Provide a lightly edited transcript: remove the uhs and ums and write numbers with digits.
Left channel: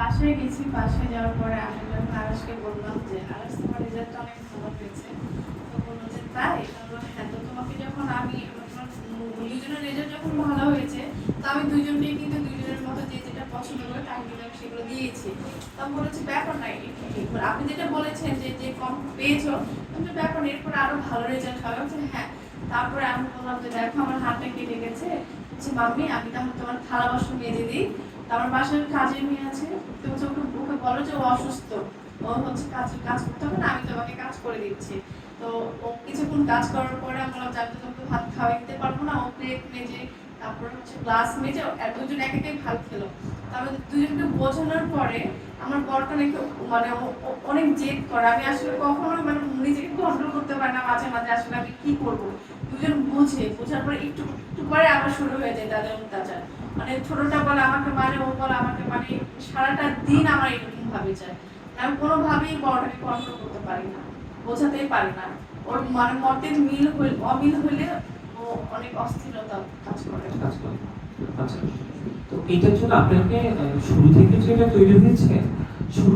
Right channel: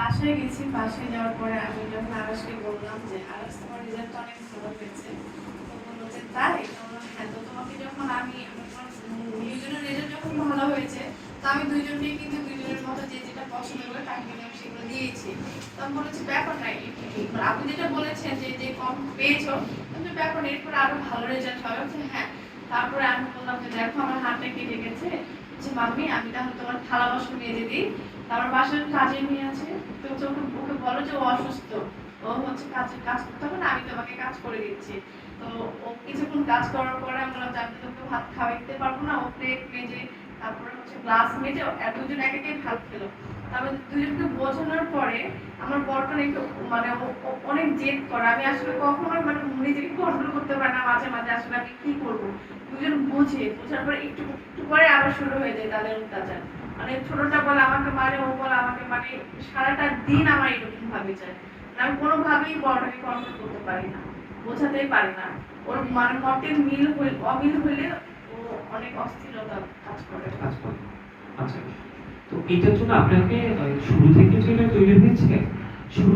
বাসায় গেছি, বাসায় যাওয়ার পরে আমি যখন আরাসকে বললাম যে আরাস তোমার রেজাল্ট অনেক ভালো হয়েছে, তো বললো যে তাই? তো বললো হ্যাঁ, তো তোমাকে যখন আমি দুইজনের রেজাল্ট যখন ভালো হয়েছে, তো আমি দুইজনকে কিন্তু দুইজনের মতো যে যেটা পছন্দ করে তাকে কিন্তু আমি সেগুলো দিয়েছি। তো আমি বলেছি ব্যাপার নাই, আপনি যেটা বলেছেন যে যে কম পেয়েছো, কিন্তু ব্যাপার নেই, এরপরে আরো ভালো রেজাল্ট হবে। বলছে হ্যাঁ। তারপরে আমি বললাম যে দেখো আমার হাতটা কেটে গেছে, যে মাম্মি আমি তাহলে তোমার থালা বাসন মেজে দিই, আমার বাসায় কাজের মেয়ে আছে, তো হচ্ছে ওকে বলো যে ও অসুস্থ, ও হচ্ছে কাজ করতে হবে না, আমি তোমাকে কাজ করে দিচ্ছি। তো ও কিছুক্ষণ কাজ করার পরে আমি বললাম যে আমি তোকে ভাত খাওয়াই দিতে পারবো না, ও প্লেট মেজে তারপরে হচ্ছে গ্লাস মেজে দুজন এক একে ভাত খেলো। আমি দুজনকে বোঝানোর পরে আমার বরটা একটু মানে অনেক জেদ করে, আমি আসলে কখনোই মানে নিজেকে কন্ট্রোল করতে পারি না, মাঝে মাঝে আসলে আমি কি করবো। দুজন বোঝার পরে একটু একটু পরে আবার শুরু হয়ে যায় তাদের অত্যাচার। মানে ছোটটা বলে আমাকে মারে, ও বলে আমাকে মানে, সারাটা দিন আমার এরকম ভাবে যায়। আমি কোনোভাবেই বড়টাকে কন্ট্রোল করতে পারি না, বোঝাতেই পারি না। ওর মানে মতের অমিল হইলে ও অনেক অস্থিরতা কাজ করে। আচ্ছা, তো এটার জন্য আপনাকে শুরু থেকে যেটা তৈরি হয়েছে, শুরু